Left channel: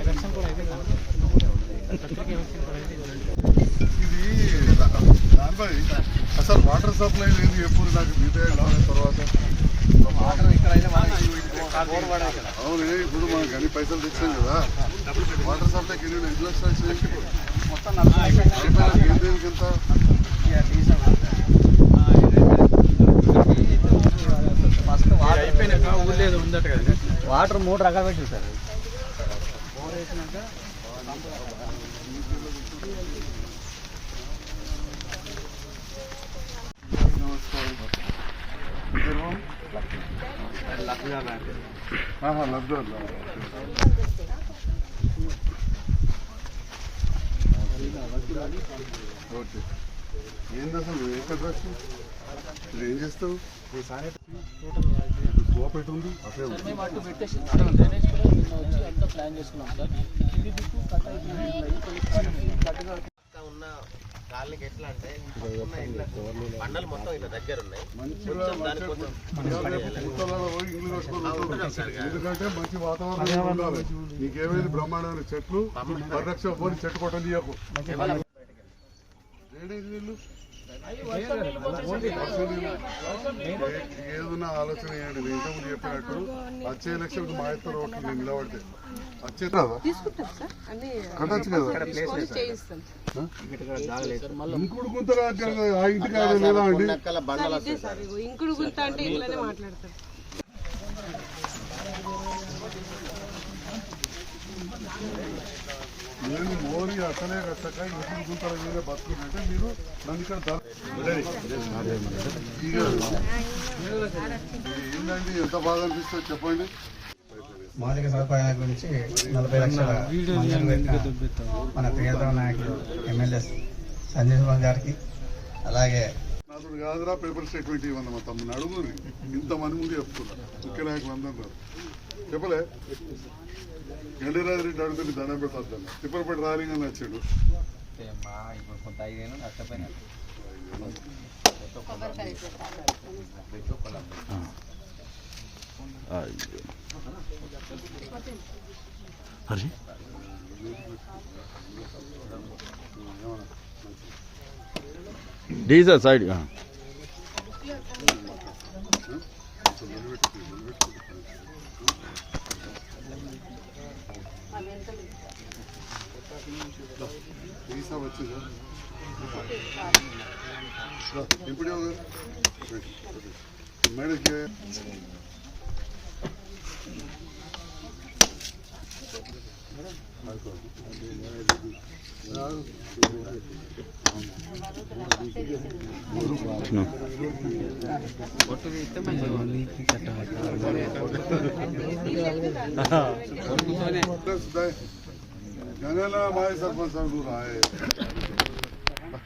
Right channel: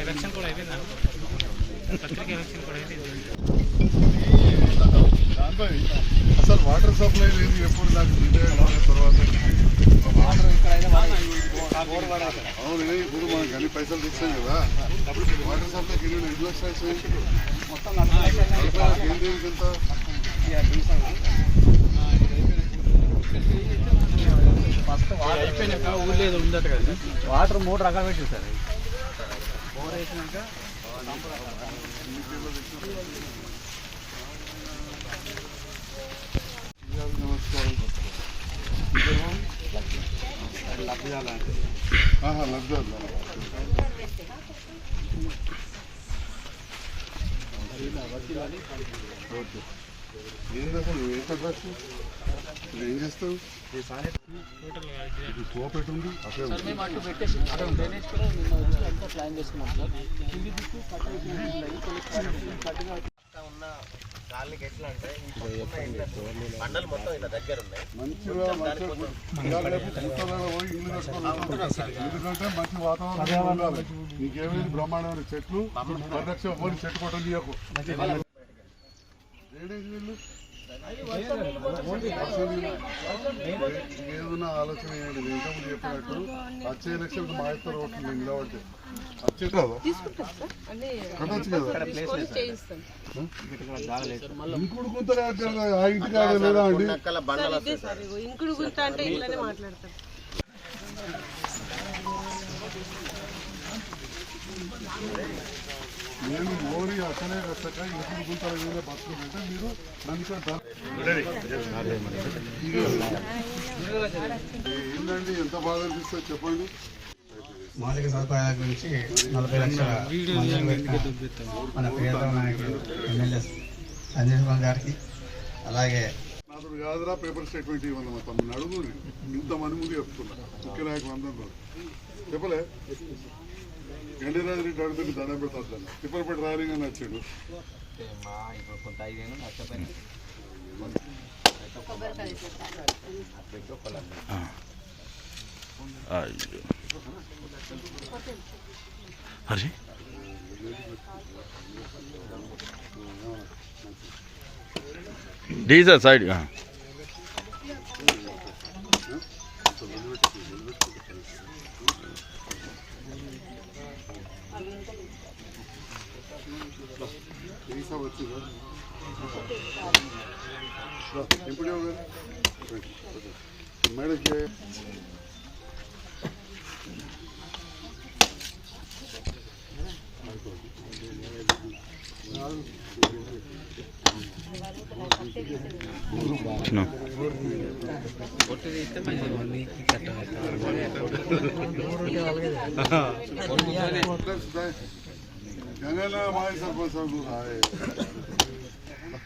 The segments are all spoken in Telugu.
ఎలక్షన్ కూడా అయిపోయిందా పత్రిక ఎలక్షన్ కూడా అయిపోయింది అసలు వాటర్ సప్లై లేదు ఎప్పుడు నాకు డీటెయిల్ తర్వాత అవును ఇప్పుడు మనం అన్ని పైసలు తెచ్చాం కదా వాటర్ సప్లై కింద ఎన్ని లక్షలు మొత్తం దేనికి ఎంత ఫస్ట్ అయిపోయినాక ఊళ్ళో ఉందట కదా. వాటర్ మూడు రకాలు పెట్టి సార్. బోర్ వేసినాక ఓకే. ఏంది అసలు? ఏం చేస్తావు? కోపెట్ ఉంది. అదే ఉంది. మేము అటు పెట్టేసి అక్కడ డ్రైనేజ్ కూడా మేము వచ్చి అంతా ప్లాన్ చేసుకున్నాం సార్. కింది దిక్కు కట్ అయిపోయింది. కట్టుగా ఉన్న కాలనీకి ఎట్లా అంటే ఈ పక్కన ఇళ్ళకు బండలు మొత్తం ఇలా దగ్గర ఉన్నాయి. ఎందుకంటే మంచి వాతావరణం ఉండాలి. బ్రహ్మాండమైన చెట్లు పరిరక్షణ పోని చెట్టు కొట్టలు తీయకు. డ్రైనేజ్ నీళ్ళు ఏదున్నా ఆలోచన చేయండి నేను ఇంతకుముందు చెప్పినట్టు వచ్చే ఎలక్షన్కి మా ఇద్దరు ఓట్లు నేను నిలబడితే. ఇంకుడు అంటే ఆ లేదా అండి? ఇగో ఇంకుడు గుంట అంటే ఇట్లానే మాట్లాడతాం నేను మోరి అసలే కట్టక ఇంకుడు గుంతల మీద బతుకుంటే మీరు ఇక ఏంటండి ఎంత బాగా అనిపిస్తుంది చెప్పండి. మౌలిక సదుపాయాల గురించి నలభై లక్షల మన ప్రియతమ నాయకులు ఎమ్మెల్యే సంజయ్ కుమార్ గారికి అలాగే అతను కాదురా పేపర్ స్టేట్మెంట్ ఇవ్వండి మా తమ్ముని అడుగురి ఇంతమంది ముందు చెప్తున్నా. ముఖ్య నాయకులు అందరూ చెప్పలే? గండిరాజు రెడ్డి అడుగుతుంది దండం పెడతాను తిప్పలపేట రాలింగ్ అని వచ్చాడు అరే డీజల్ సైడ్ மேலே माय सरपंच सांगून आहे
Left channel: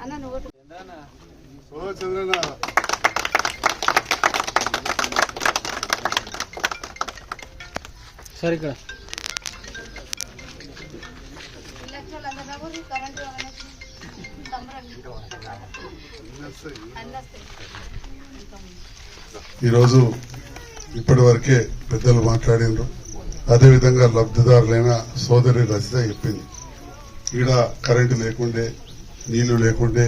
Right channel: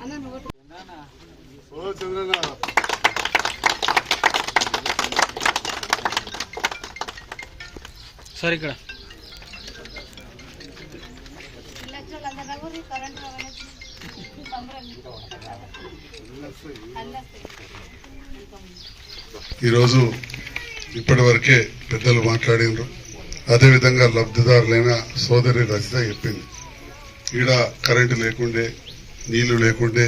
అన్న నువ్వు ఓ చంద్రన్న. సార్ ఇక్కడ. ఈరోజు ఇప్పటి వరకే పెద్దలు మాట్లాడినారు. అదేవిధంగా లబ్ధిదారులైన సోదరి రచిత చెప్పింది. ఈడ కరెంటు లేకుండే నీళ్ళు లేకుండే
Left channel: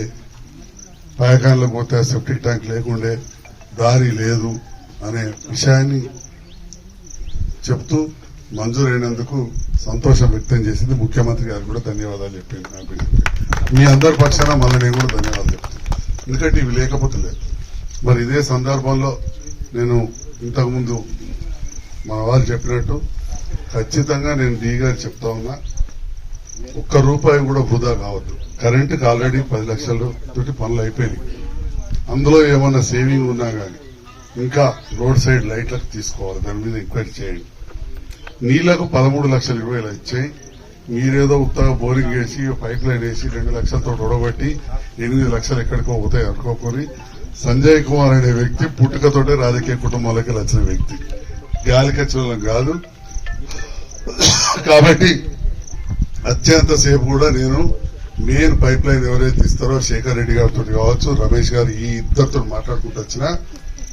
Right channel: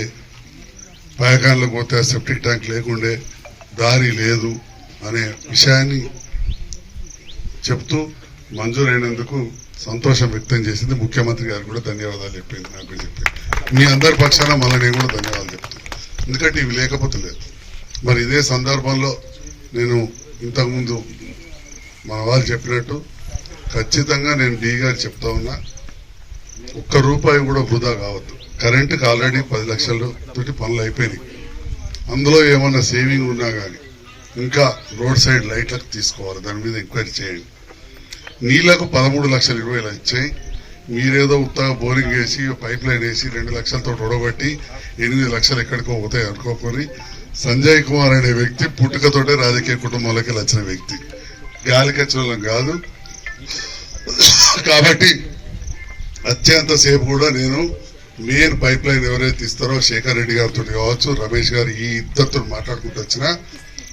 పాయకాన్లో పోతే సెప్టిక్ ట్యాంక్ లేకుండే దారి లేదు అనే విషయాన్ని చెప్తూ మంజూరైనందుకు సంతోషం వ్యక్తం చేసింది ముఖ్యమంత్రి గారు కూడా ధన్యవాదాలు చెప్పింది నాకు మీ అందరి పక్షాన మళ్ళీ నేను కూడా ధన్యవాదాలు చెప్తాను. ఎందుకంటే ఇవి లేకపోతే లేదు. మరి ఇదే సందర్భంలో నేను ఇంతకుముందు మన వాళ్ళు చెప్పినట్టు ఖచ్చితంగా నేను డి గారు చెప్తా ఉన్నా ఒక్క రూపాయి కూడా వృధా కావద్దు. కరెంటుకి ఆల్రెడీ పది లక్షలు తోటి పనులు అయిపోయినాయి. అందులో ఏమన్నా సేవింగ్ ఉన్నా కానీ ఇంకా రోడ్ సైడ్ లైట్లకు తీసుకోవాలి. దాని మీద ఎంక్వైరీ చేయండి. నీళ్ళకు పదమూడు లక్షల ఇరవై వేలు వచ్చాయి. మీరేదో ఉత్తగా బోరింగ్ వేసి పైప్ లైన్ వేసి రెండు లక్షలతో రొడబట్టి ఎనిమిది లక్షలు ఎక్కడికో పోతాయి అనుకోకొని సంజయ్ కుమార్ అనే వ్యక్తి పుట్టుకతోటే రాజకీయ కుటుంబాలకి వచ్చిన వ్యక్తి. గాలికచ్చలం కాదు. కాబట్టి అత్యంత సేపు కూడా నేను మెయిన్ పైప్ లైన్ ఎవరైతే ఇస్తారో శేఖర్ రెడ్డి గారితో కావచ్చు రమేష్ గారు ఈ ఇద్దరితో మాట్లాడుకుంటూ వచ్చినా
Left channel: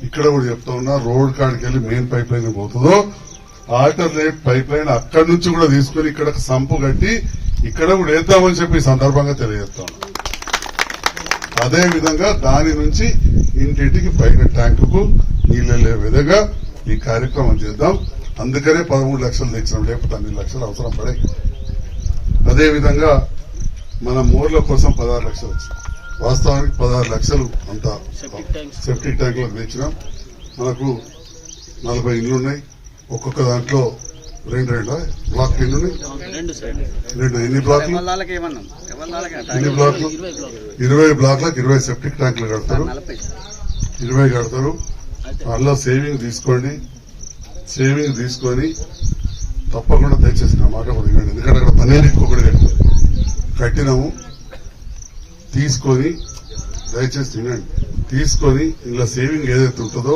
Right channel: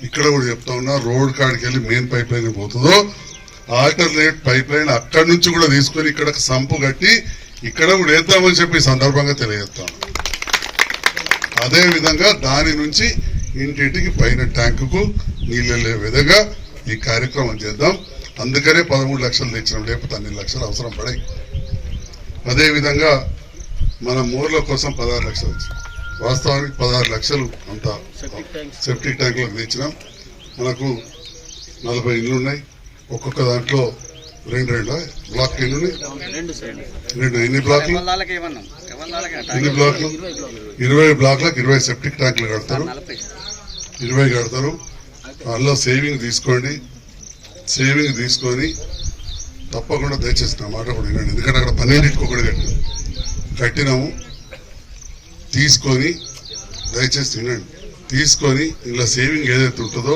ఇక్కడ కూడా చెప్తా ఉన్నా రోడ్ కాడికి వెళ్ళి మెయిన్ పైప్ లైన్ పోతుందో ఆల్టర్నేట్ పైప్ లైన్ అక్కడి నుంచి కూడా తీసుకొని ఇక్కడ సంపు కట్టి ఇక్కడ కూడా వేద్దామని చెప్పి సందర్భంగా తెలియజేస్తాను. అదే విధంగా దాని నుంచి ఇంటింటికి పైన ట్యాంకుకు నీళ్ళు వెళ్ళే విధంగా ఈ కార్యక్రమం చేద్దాం. అందుకనే పదమూడు లక్షలు తెచ్చినాం. లేకపోతే అన్ని లక్షలు అవసరం పడాయి అదే విధంగా మన మూర్ల కోసం పదహారు లక్షలు వచ్చింది. వాస్తవానికి పదహారు లక్షలు అంత సెప్టిక్ ట్యాంకులకు తెచ్చినాం. మనకు నలభై ఇళ్ళు ఉన్నాయి. ఒక్కొక్క దాంట్లో రెండు రెండు? బ్లాక్ రెండు? ఎన్ని బ్లాక్లు ఎన్ని బ్లాక్లు ఇరవై బ్లాక్ ఇరవై బ్లాక్లకు ఇరవై సెప్టిక్ ట్యాంకులు కడతారు. ఇరవై కడతారు. అందులో సేవింగ్ తీసుకోండి. సేవింగ్ తీసుకొని తప్పకుండా దయచేసి నా మాట కూడా వినండి. ఎందుకంటే అక్కడ పన్నెండింటికి ఒకటి కట్టారు. కట్టినాము తీసుకొని దయచేసి వినండి. తీసుకొని ఇలా సేవింగ్ ఏదైతే ఉంటుందో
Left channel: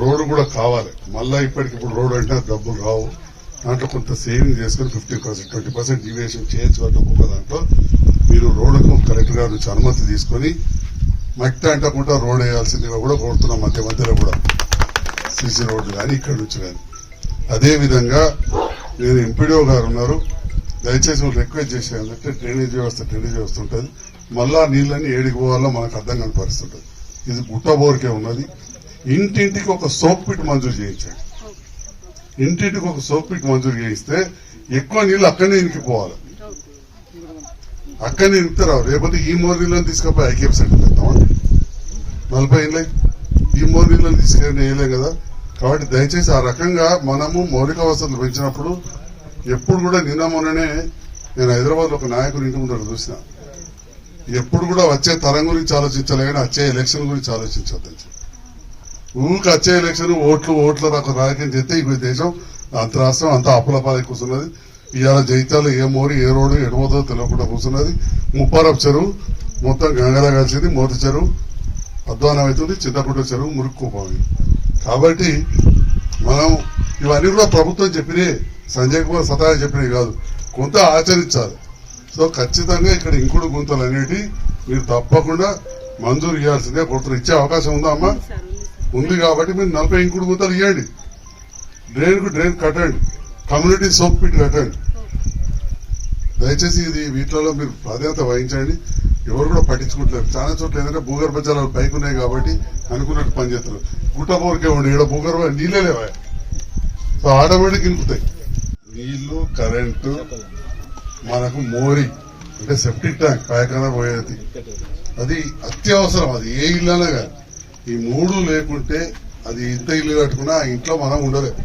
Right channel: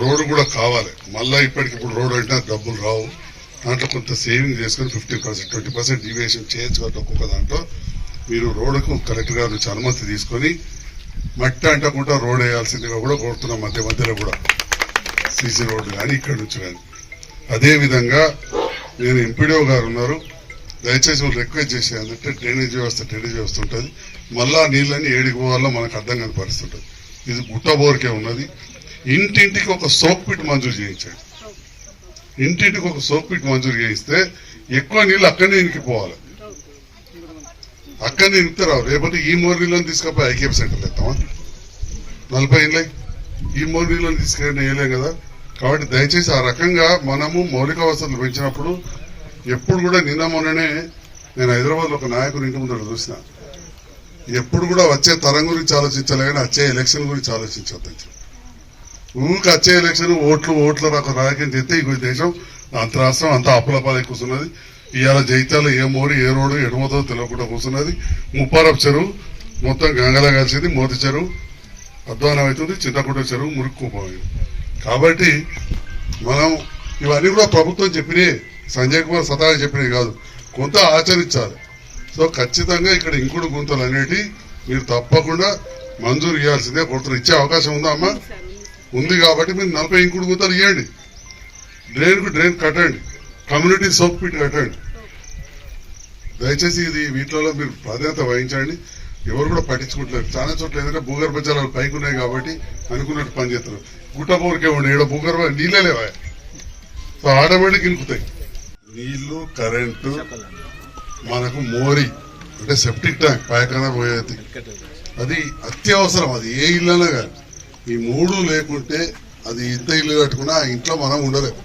రోడ్డు కూడా కావాలి. మళ్ళీ ఇప్పటికి ఇప్పుడు రోడ్ అంటే డబ్బులు రావు. దాంట్లో కొంత సేవింగ్ చేసుకొని fifty percent twenty percent deviation చేయొచ్చు కాబట్టి ఒక్కొక్క దాంట్లో. మీరు రోడ్డుకు కలెక్టర్ గారి నుంచి అనుమతి తీసుకొని మట్టి అంటకుండా రోడ్ వేయాల్సిందిగా కూడా కోరుతున్నాం మధ్య మధ్యలో కూడా. సీసీ రోడ్డు కానీ ఇక్కడ నుంచి కానీ. అదేవిధంగా నేను ఎంపీడీఓ గారు ఉన్నారు. దయచేసి వాళ్ళు రిక్వెస్ట్ చేసేది ఏంటంటే డ్రైనేజ్ వ్యవస్థ డ్రైనేజ్ వ్యవస్థ ఉంటుంది. మళ్ళా నీళ్ళని ఏడికి పోవాలో మనకు అర్థం కనపరుస్తుంటుంది పరిస్థితి ఉంటుంది. ఇది గుట్ట బోరికే ఉన్నది. ఇంటింటికి ఒక సోప్ పిట్ మంజూరు చేయించండి. ఇంటింటికి ఒక సోప్ పిట్ మంజూరు చేయిస్తే ఎక్కువ నీళ్ళు అక్కడనే ఇనికిపోవాలి అక్కడనే ఇనుకుతారు రేపటి ఈ మోర్ నీళ్ళని తీసుకపోయి ఐకేఎఫ్ సెంటర్ వెళ్తామా నలభై ఏళ్ళే ఈ మోర్ నీళ్ళని తీసుకెళ్ళి వేయలేం కదా. కాబట్టి దయచేసి ఆ రకంగా మనము మౌలిక వసతులు పెంచినప్పుడు ఎప్పుడు కూడా నిన్న మొన్ననే నేను హైదరాబాద్లో ఒక నాయకుని ఇంటి ముందర చూసిన. ఎప్పుడు కూడా వచ్చే తరం గురించి ఆలోచించాలి కానీ వచ్చే ఎలక్షన్ గురించి ఆలోచించొద్దని చెప్పి. ఊరికి వచ్చే ఎలక్షన్ ఓట్లు ఓట్లు నాకు రాజకీయం చేస్తే ఈ దేశం అంత రాష్ట్రం అంత అప్పుల కూర్చున్నది. ఇవాళ జైతాలు ఏ మోరి ఏ రోడ్డు ఎడమతో తెలియకుండా కూర్చున్నది. ముప్పారపు చెరువు మొత్తం గంగలా కలిసింది మోతి చెరువు. అధ్వానం అవుతుంది చింతకుంట చెరువు మురుక్కుపోయింది కాబట్టి మనం ఇవన్నీ కూడా ప్రభుత్వం చెప్పినే సంజయ్ కుమార్ సతాగా చెప్పినవి కాదు. కొంత ఆచరించాలి. సో ఖచ్చితంగా ఇక్కడ ఇంకుడు గుంతలు అనేటి మీరు తప్పకుండా మంజూరు ఇవ్వాల్సిందే కొడుతున్నారు ఇచ్చే అవకాశం ఉందా అమ్మా? ఉంది కాబట్టి మీరు నలభై ఇంకుడు గుంతలు ఇవ్వండి డ్రైన్కు డ్రైన్ కట్టండి. కమ్యూనిటీ సోప్ పిట్ కట్టండి. దయచేసి ఇది వీటిలో మీరు ప్రాధాన్యత వహించండి. ఎవరు కూడా పట్టించుకుంటలేరు చాలా చోట్ల ఏంటంటే భూగర్భ జలాలు పైకి ఉన్నాయి కాబట్టి అనుకున్నట్టు పనిచేస్తారు గుట్ట బోరికే ఉండి ఇక్కడ భూగర్భ నీళ్ళే లేవా? సో ఆటోమేటిక్ ఇంకుతాయి నీళ్ళు కరెంటు మనకు మోరి అంటే సెప్టిక్ ట్యాంక్ పైకాన పోయేది అది అత్యవసరం. అది ఏ ఇల్లైనా కానీ ఈ మూడు లేకుంటే అది ఇంత ఇల్లు కట్టుకున్నా ఆ ఇంట్లో మనం ఉండలేము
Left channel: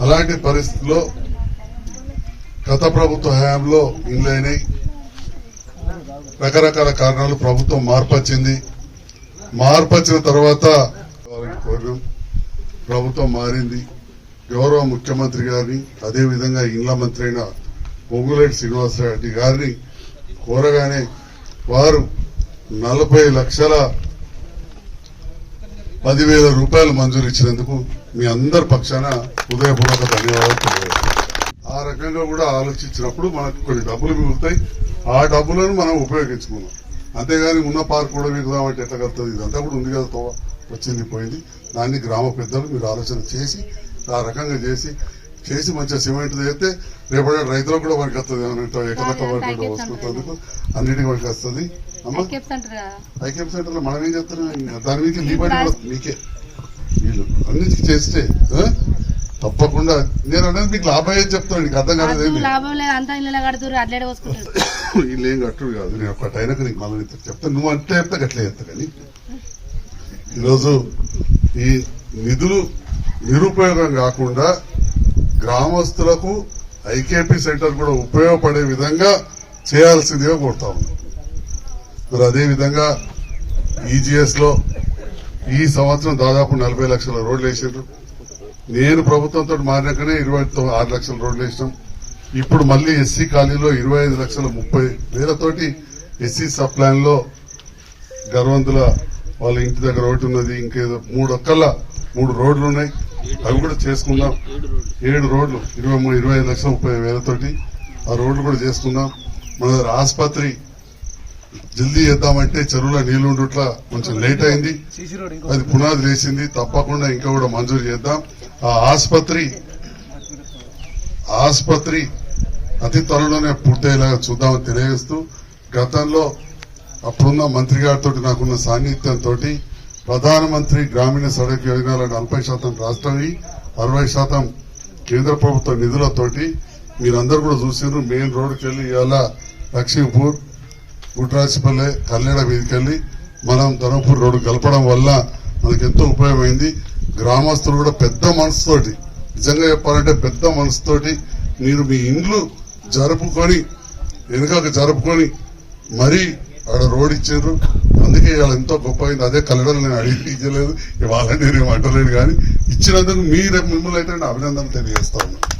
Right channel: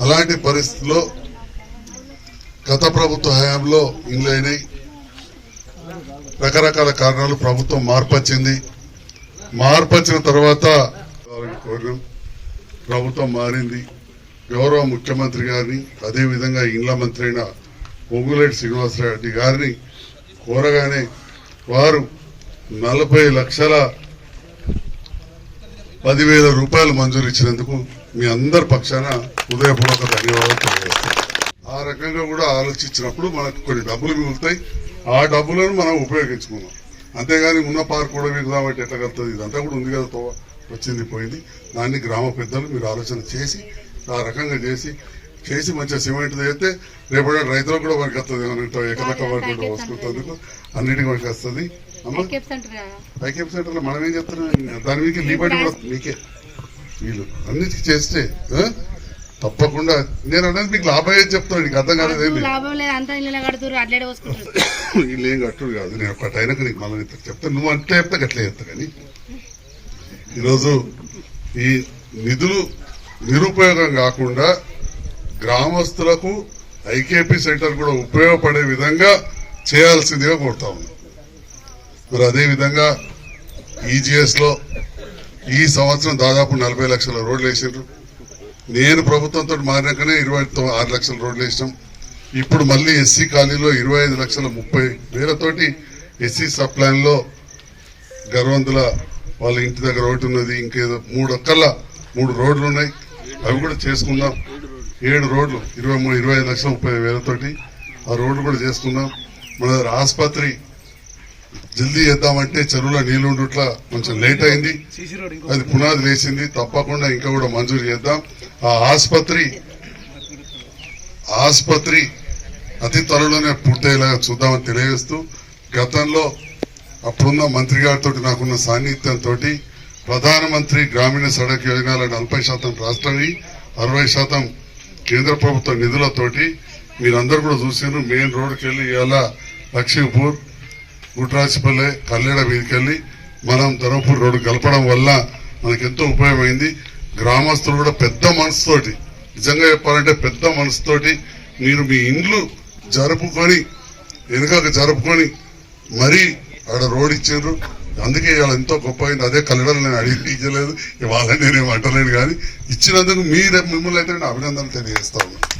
అలాంటి పరిస్థితుల్లో గత ప్రభుత్వ హయాంలో ఇల్లు అయినాయి. రకరకాల కారణాలు ప్రభుత్వం మార్పు వచ్చింది. మార్పు వచ్చిన తర్వాత కోరినాం. ప్రభుత్వం మారింది. గౌరవ ముఖ్యమంత్రి గారిని అదేవిధంగా ఇండ్ల మంత్రి అయిన పొంగులేటి శ్రీనివాసరెడ్డి గారిని కోరగానే వారు నలభై లక్షల పదివేల రూపాయలు మంజూరు ఇచ్చినందుకు మీ అందరి పక్షాన హృదయపూర్వక ధన్యవాదాలు తెలియజేస్తాను ఆ రకంగా కూడా ఆలోచించినప్పుడు మనకు కొన్ని డబ్బులు మిగులుతాయి. ఆ డబ్బులను మనం ఉపయోగించుకున్నాం అంతేగాని ఉన్న పార్క్ కూడా మిగుదామంటే ఎట్లా కలుగుతుంది? ఇదంతా కూడా ఉంది కదా వచ్చింది పోయింది. దాన్ని గ్రామ పెద్దలు మీరు ఆలోచన చేసి ఆ రకంగా చేసి చేసి మంచిగా సిమెంట్ చేస్తే రేపటి రైతులకు కూడా మనకి వస్తుంది. ఏమంటే ఎక్కడ వరకు కూడా అన్నిటికీ మనకి వస్తుంది. ఐకేఎం సెంటర్లో మనం ఏం చెప్తున్నాం దాని మీకు లీబడి కూడా మీకే. వీళ్ళు అన్నిటికీ చేస్తే? తప్పకుండా. నేను అనేది మీకు లాభం ఏం చెప్తాను నీకు అర్థం అట్లే పోసుకుంటారు వీళ్ళు ఏం కట్టుడు కాదు. నేను ఒక టైంకి నీకు మళ్ళీ నీకు చెప్తాను నువ్వు అంటే చెప్తే గట్లే చెప్తా కానీ. ఈరోజు ఈ నిధులు నిరుపయోగం కాకుండా గ్రామస్తులకు ఐకేపీ సెంటర్ కూడా ఉపయోగపడే విధంగా చేయాల్సిందిగా కోరుతా ఉన్నాం మరి అదే విధంగా ఈ సంవత్సరం దాదాపు నలభై లక్షల రోడ్లు వేసిండ్రు. నేను ప్రభుత్వంతో మారినాకనే ఇరవై ఆరు లక్షల రోడ్లు వేసినాం. ఇప్పుడు మళ్ళీ ఎస్సీ కాలనీలో ఇరవై ఐదు లక్షల ముప్పై వేలతోటి ఎస్సీ సబ్ ప్లాన్లో గర్వంతుల వాళ్ళ ఇంటి దగ్గర ఒకటి ఉన్నది ఇంకేదో మూడు ఒక్కల మూడు రోడ్లు ఉన్నాయి. అవి కూడా చేసుకున్నాం ఏడు రోడ్లు ఇరవై మూడు ఇరవై ఐదు లక్షల ముప్పై వేలతోటి ఆ రోడ్లు కూడా చేసుకున్నాం మన దగ్గర ఆసుపత్రి జల్దీ చేద్దామంటే చెరువులో నీళ్ళు ఉండుట్లా కొంచెం లేట్ అయింది. అది పునాది వేసింది. తప్పకుండా ఇంకా కూడా మంజూరు చేద్దాం. ఆ ఆసుపత్రి ఆసుపత్రి అతి త్వరలోనే పూర్తయ్యేలాగా చూద్దామని తెలియజేస్తూ గతంలో అప్పుడున్న మంత్రి గారితో నాకున్న సాన్నిధ్యంతో ప్రధానమంత్రి గ్రామీణ సడక్ యోజనల నలభై శాతం రాష్ట్రవి అరవై శాతం కేంద్ర ప్రభుత్వ నిధులతోటి మీరందరూ కూడా చూసారు మెయిన్ రోడ్డుకి వెళ్ళి ఇవాళ లక్ష్మీపూర్ గుట్రాసిపల్లె కల్లెడ వీధికెళ్ళి మనం ధర్మపూర్ రోడ్డు కలపడం వల్ల మనకి ఎంతో ఉపయోగమైంది. గ్రామస్తులు కూడా పెద్ద మనసుతోటి నిజంగా చెప్పాలంటే పెద్ద మనసుతోటి మీరు మీ ఇండ్లు జరుపుకొని వెనుకకు జరుపుకొని మరీ అక్కడ రోడ్ ఇచ్చారు. అందుకే ఇవాళ ఎంతో గొప్ప అయింది. అదే కల్లడలు నేను అడిగి ఇచ్చలేదు ఇవాళ నేను అంటలేను కానీ ఇచ్చినందుకు మీరు మిమ్మల్ని అయితే నేను అభినందనలు తెలియజేస్తా ఉన్నాను.